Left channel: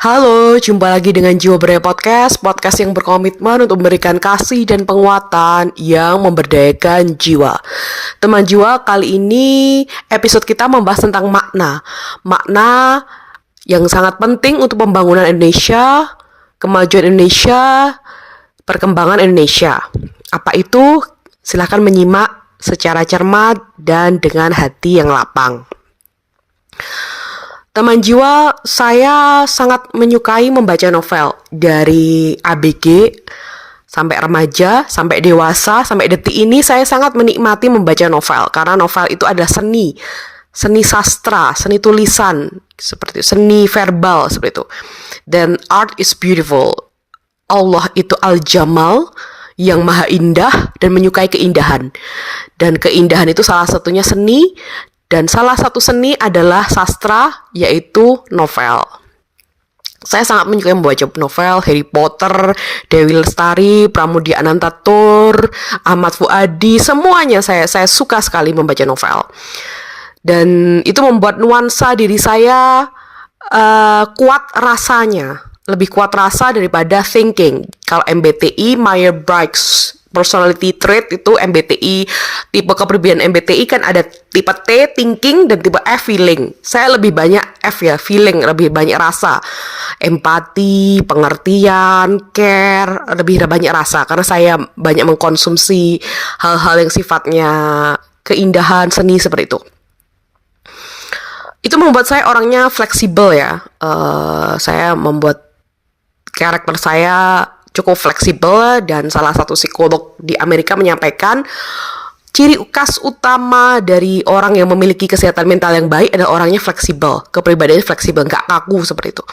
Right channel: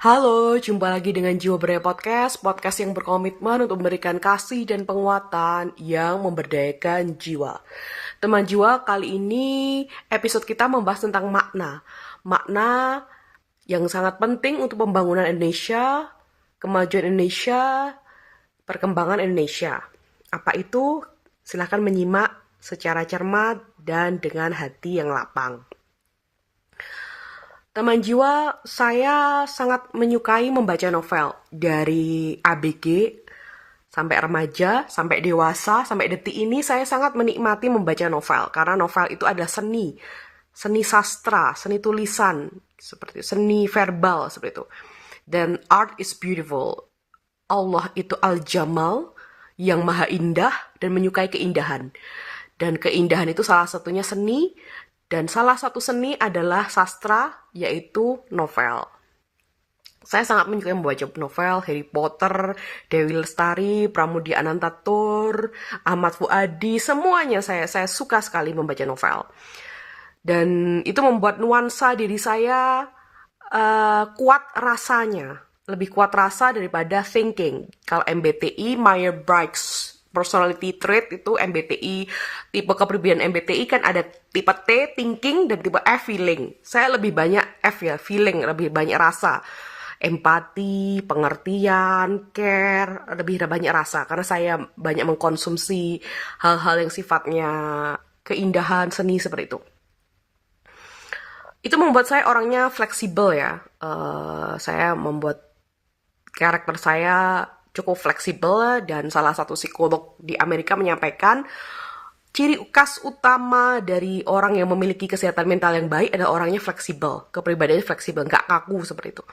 Halo, jumpa lagi dengan Jiwa Beraya Podcast, podcast yang berkomitmen untuk memberikan kasih dan penguatan yang memberdayakan jiwa. Teman jiwa, kali ini episode kita membahas tentang makna. Makna yang sangat penting untuk pembangunan Indonesia, kemajuan Indonesia, perkembangan Indonesia. Apa itu? Silahkan menyimak secara cermat dan dengan hati yang lapang. Teman jiwa, saya sangat menyukai membaca novel dari ABG sampai remaja, sampai dewasa, sampai detik ini saya sangat menikmati membaca novel karena novel itu adalah seni, seni sastra, seni tulisan, seperti itu, seni verbal seperti itu. Dan art is beautiful. Allah itu al-jamal, yang maha indah dan menyukai keindahan. Dan keindahan itu salah satunya seni. Dan salah satu seni adalah sastra, yaitu novel. Saya sangat menyukai membaca novel Harry Potter, Dewi Lestari, Pramudia Anantatur, Ahmad Fuadi, semuanya saya suka sekali membaca novel. Dan itu membuat nuansa diri saya kuat rasanya, lebih kuat rasa daripada thinking. Kalau MBTI, Myers-Briggs Personality Trait itu MBTI, tipe kepribadian MBTI kan ada tipe T, thinking, dan tipe F, feeling. Saya lebih banyak F ya, feeling, lebih banyak rasa. Empati, pengertian, care, lebih banyak rasa. Karena saya banyak mengkonsumsi hal-hal yang sifatnya keindahan, seni seperti itu. Itu membuat saya orangnya fleksibel ya. Saya membuat karakter saya cukup fleksibel, dan salah satu psikolog di Amerika menyampaikan ciri khas utama dari orang yang memiliki kesehatan mental yang baik adalah orangnya fleksibel, kepribadiannya fleksibel, nggak kaku seperti itu.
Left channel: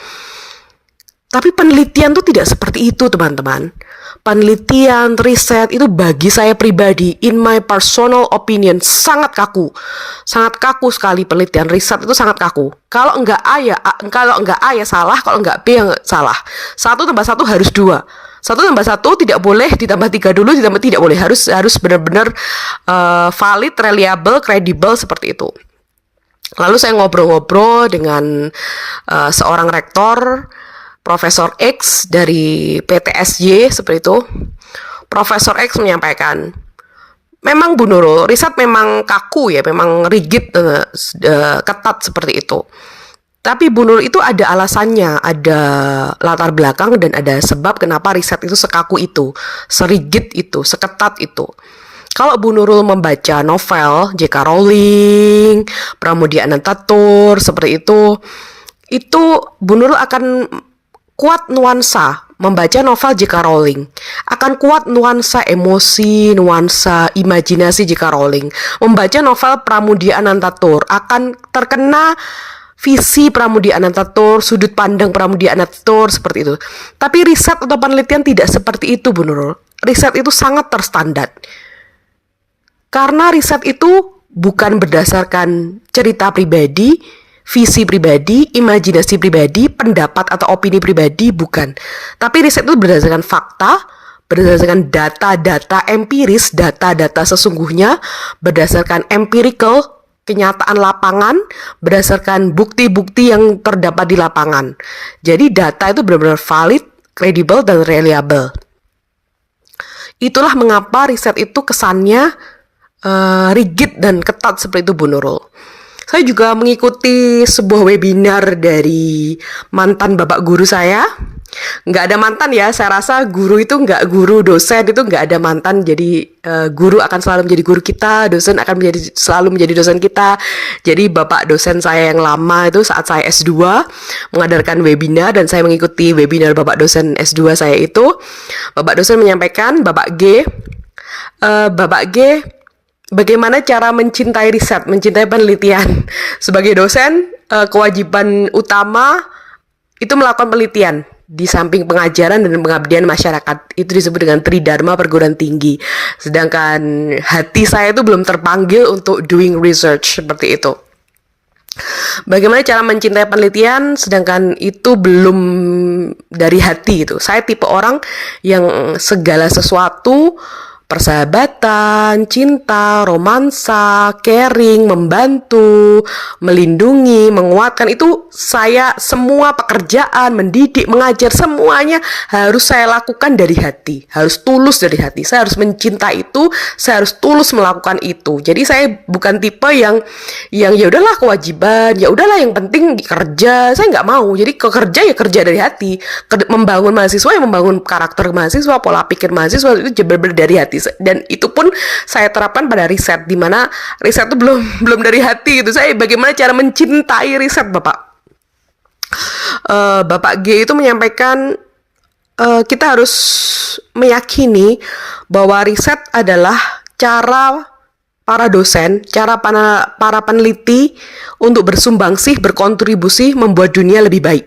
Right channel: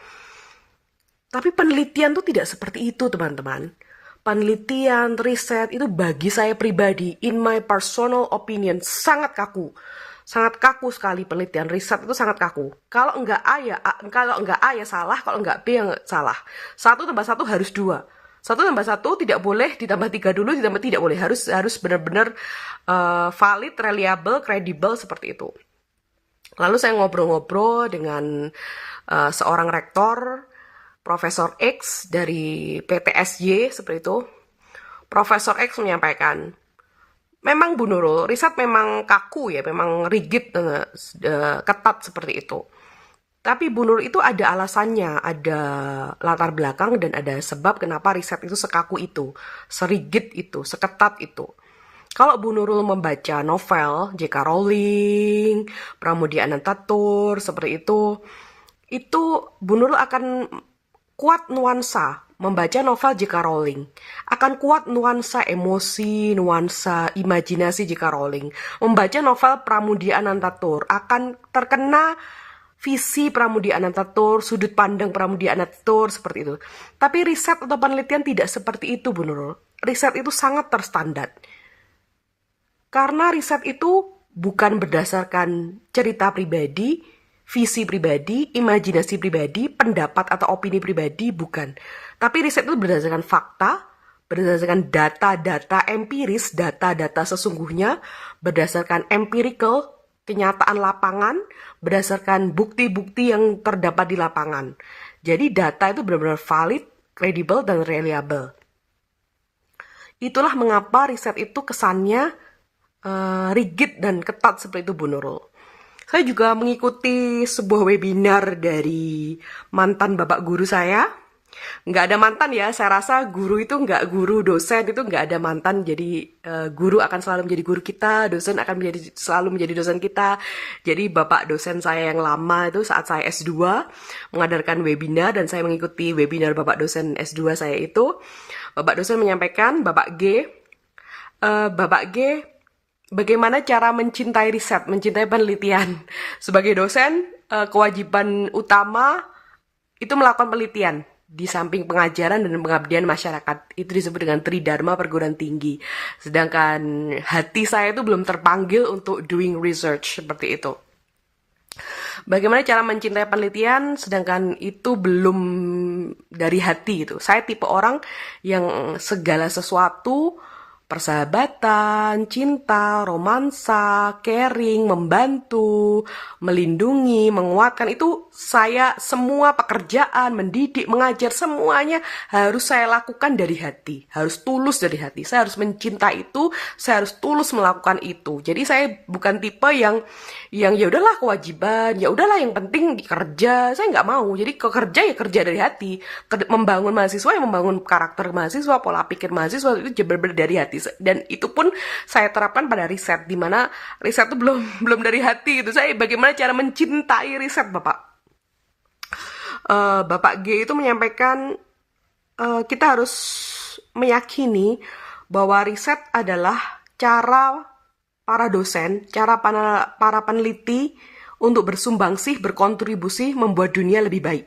Tapi penelitian tuh tidak seperti itu, teman-teman. Penelitian, riset itu bagi saya pribadi, in my personal opinion, sangat kaku. Sangat kaku sekali penelitian, riset itu sangat kaku. Kalau enggak A ya salah, kalau enggak B ya salah. 1 tambah 1 harus 2. 1 tambah 1 tidak boleh ditambah 3 dulu, tidak boleh. Harus benar-benar valid, reliable, kredibel seperti itu. Lalu saya ngobrol-ngobrol dengan seorang rektor, Profesor X dari PTSY seperti itu. Profesor X menyampaikan, memang Bu Nurul, riset memang kaku ya, memang rigid, ketat seperti itu. Tapi Bu Nurul itu ada alasannya, ada latar belakang dan ada sebab kenapa riset itu sekaku itu, serigid itu, seketat itu. Kalau Bu Nurul membaca novel J.K. Rowling, Pramudia Anantatur, seperti itu Bu Nurul akan kuat nuansa membaca novel J.K. Rowling, akan kuat nuansa emosi, nuansa imajinasi J.K. Rowling. Membaca novel Pramudia Anantatur akan terkena visi Pramudia Anantatur, sudut pandang Pramudia Anantatur seperti itu. Tapi riset atau penelitian tidak seperti itu, Bu Nurul. Riset itu sangat terstandar. Karena riset itu bukan berdasarkan cerita pribadi, visi pribadi, imajinasi pribadi, pendapat atau opini pribadi, bukan. Tapi riset itu berdasarkan fakta, berdasarkan data-data empiris, data-data sesungguhnya, berdasarkan empirical, kenyataan lapangan, berdasarkan bukti-bukti yang terdapat di lapangan. Jadi data itu benar-benar valid, kredibel, dan reliable. Itulah mengapa riset itu kesannya rigid dan ketat seperti itu, Bu Nurul. Saya juga mengikuti sebuah webinar dari mantan bapak guru saya. Nggak ada mantan ya, saya rasa guru itu nggak, guru dosen itu nggak ada mantan. Jadi guru akan selalu menjadi guru kita, dosen akan selalu menjadi dosen kita. Jadi bapak dosen saya yang lama itu saat saya S2 mengadakan webinar, dan saya mengikuti webinar bapak dosen S2 saya itu. Bapak dosen menyampaikan, Bapak G, bagaimana cara mencintai riset, mencintai penelitian. Sebagai dosen, kewajiban utama itu melakukan penelitian di samping pengajaran dan pengabdian masyarakat. Itu disebut dengan Tridharma perguruan tinggi. Sedangkan hati saya itu belum terpanggil untuk doing research seperti itu. Bagaimana cara mencintai penelitian, sedangkan itu belum dari hati itu. Saya tipe orang yang segala sesuatu persahabatan, cinta, romansa, caring, membantu, melindungi, menguatkan, itu saya semua pekerjaan, mendidik, mengajar, semuanya harus saya lakukan dari hati, harus tulus dari hati. Saya harus mencinta itu, saya harus tulus melakukan itu. Jadi saya bukan tipe yang ya udahlah kewajiban, ya udahlah yang penting kerja. Saya nggak mau. Jadi kerja ya kerja dari hati. Membangun mahasiswa ya membangun karakter mahasiswa, pola pikir mahasiswa itu benar-benar dari hati. Dan itu pun saya terapkan pada riset, di mana riset itu belum dari hati gitu. Saya bagaimana cara mencintai riset, Bapak. Bapak G itu menyampaikan kita harus meyakini bahwa riset adalah cara para dosen, cara para peneliti untuk bersumbangsih, berkontribusi membuat dunia lebih baik.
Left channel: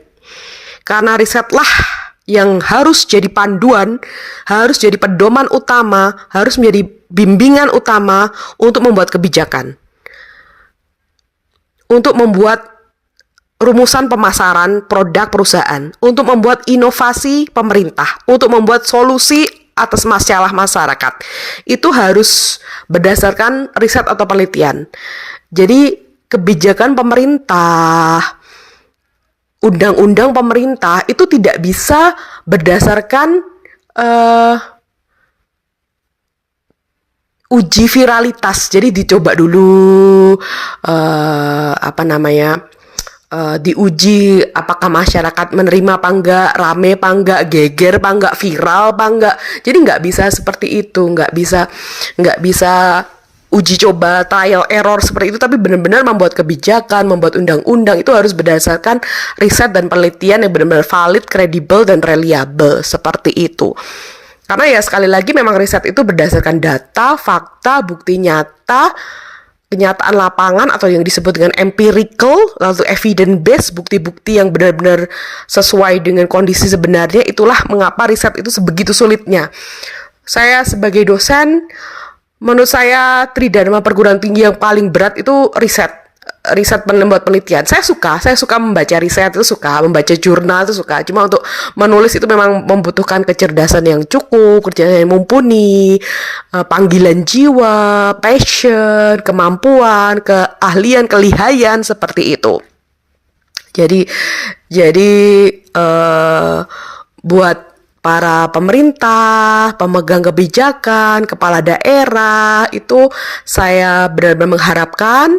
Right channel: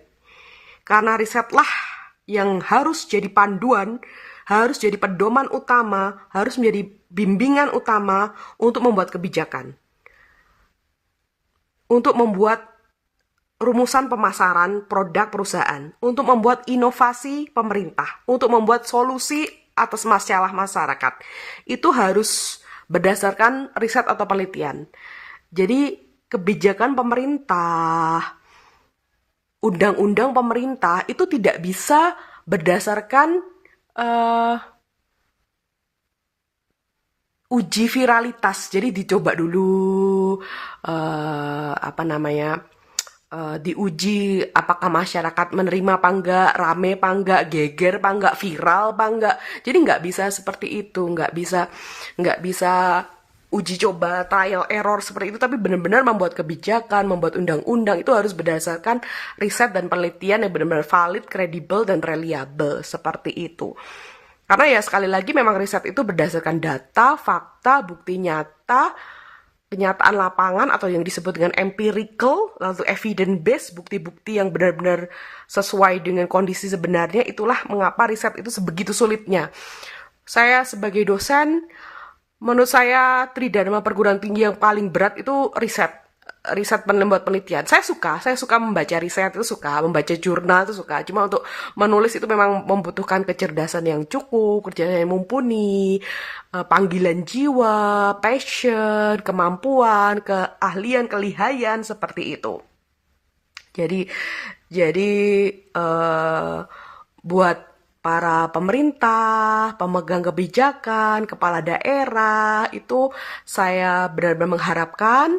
Karena risetlah yang harus jadi panduan, harus jadi pedoman utama, harus menjadi bimbingan utama untuk membuat kebijakan. Untuk membuat rumusan pemasaran produk perusahaan, untuk membuat inovasi pemerintah, untuk membuat solusi atas masalah masyarakat. Itu harus berdasarkan riset atau penelitian. Jadi kebijakan pemerintah, undang-undang pemerintah itu tidak bisa berdasarkan uji viralitas. Jadi dicoba dulu diuji apakah masyarakat menerima apa enggak, rame apa enggak, geger apa enggak, viral apa enggak. Jadi nggak bisa seperti itu, nggak bisa uji coba, trial error seperti itu, tapi benar-benar membuat kebijakan, membuat undang-undang itu harus berdasarkan riset dan penelitian yang benar-benar valid, kredibel, dan reliable, seperti itu. Karena ya sekali lagi memang riset itu berdasarkan data, fakta, bukti nyata, kenyataan lapangan atau yang disebut dengan empirical, lalu evidence based, bukti-bukti yang benar-benar sesuai dengan kondisi sebenarnya. Itulah mengapa riset itu sebegitu sulitnya. Saya sebagai dosen, menurut saya tridharma perguruan tinggi yang paling berat itu riset membuat penelitian. Saya suka membaca riset, itu suka membaca jurnal, itu suka. Cuma untuk menulis itu memang membutuhkan kecerdasan yang cukup, kecerdasan yang mumpuni, panggilan jiwa, passion, kemampuan, keahlian, kelihayan, seperti itu. Jadi buat para pemerintah, pemegang kebijakan, kepala daerah, itu saya benar-benar mengharapkan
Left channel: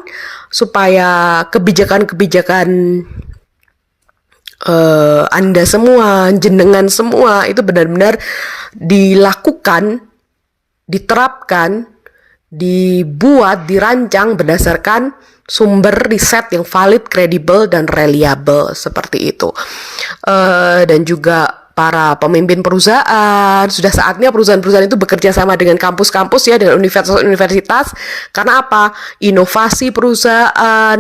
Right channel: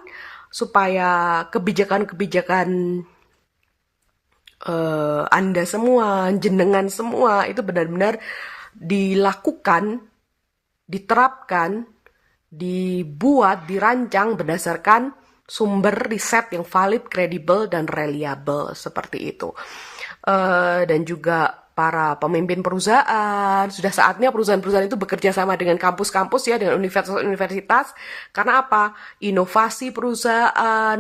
supaya kebijakan-kebijakan Anda semua, jenengan semua itu benar-benar dilakukan, diterapkan, dibuat, dirancang berdasarkan sumber riset yang valid, kredibel, dan reliable, seperti itu. Dan juga para pemimpin perusahaan, sudah saatnya perusahaan-perusahaan itu bekerja sama dengan kampus-kampus ya, dengan universitas-universitas. Karena apa? Inovasi perusahaan,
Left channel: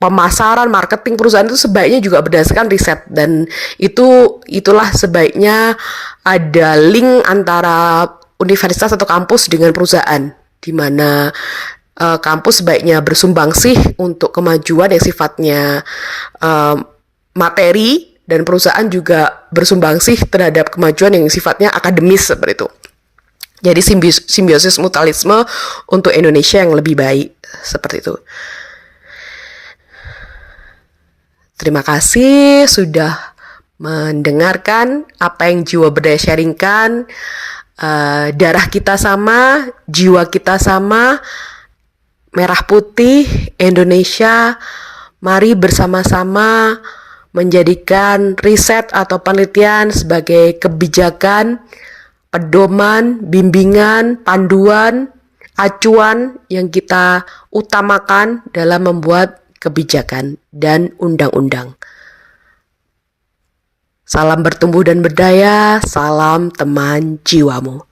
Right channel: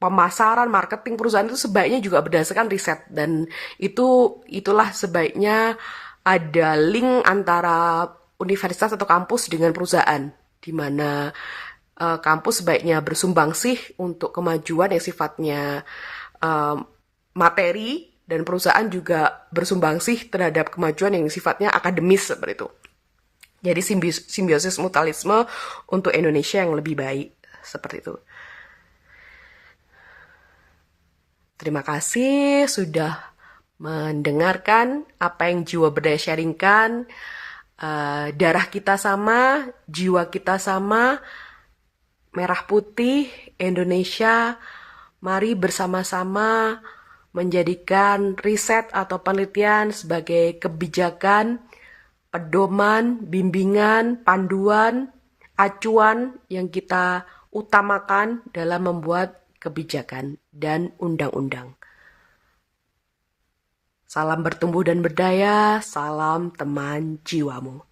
pemasaran, marketing perusahaan itu sebaiknya juga berdasarkan riset, dan itulah sebaiknya ada link antara universitas atau kampus dengan perusahaan, di mana kampus sebaiknya bersumbangsih untuk kemajuan yang sifatnya materi, dan perusahaan juga bersumbangsih terhadap kemajuan yang sifatnya akademis, seperti itu. Jadi simbiosis mutualisme untuk Indonesia yang lebih baik, seperti itu. Terima kasih sudah mendengarkan apa yang Jiwa Berdaya sharingkan. Darah kita sama, jiwa kita sama, merah putih Indonesia. Mari bersama-sama menjadikan riset atau penelitian sebagai kebijakan, pedoman, bimbingan, panduan, acuan yang kita utamakan dalam membuat kebijakan dan undang-undang. Salam bertumbuh dan berdaya, salam teman jiwamu.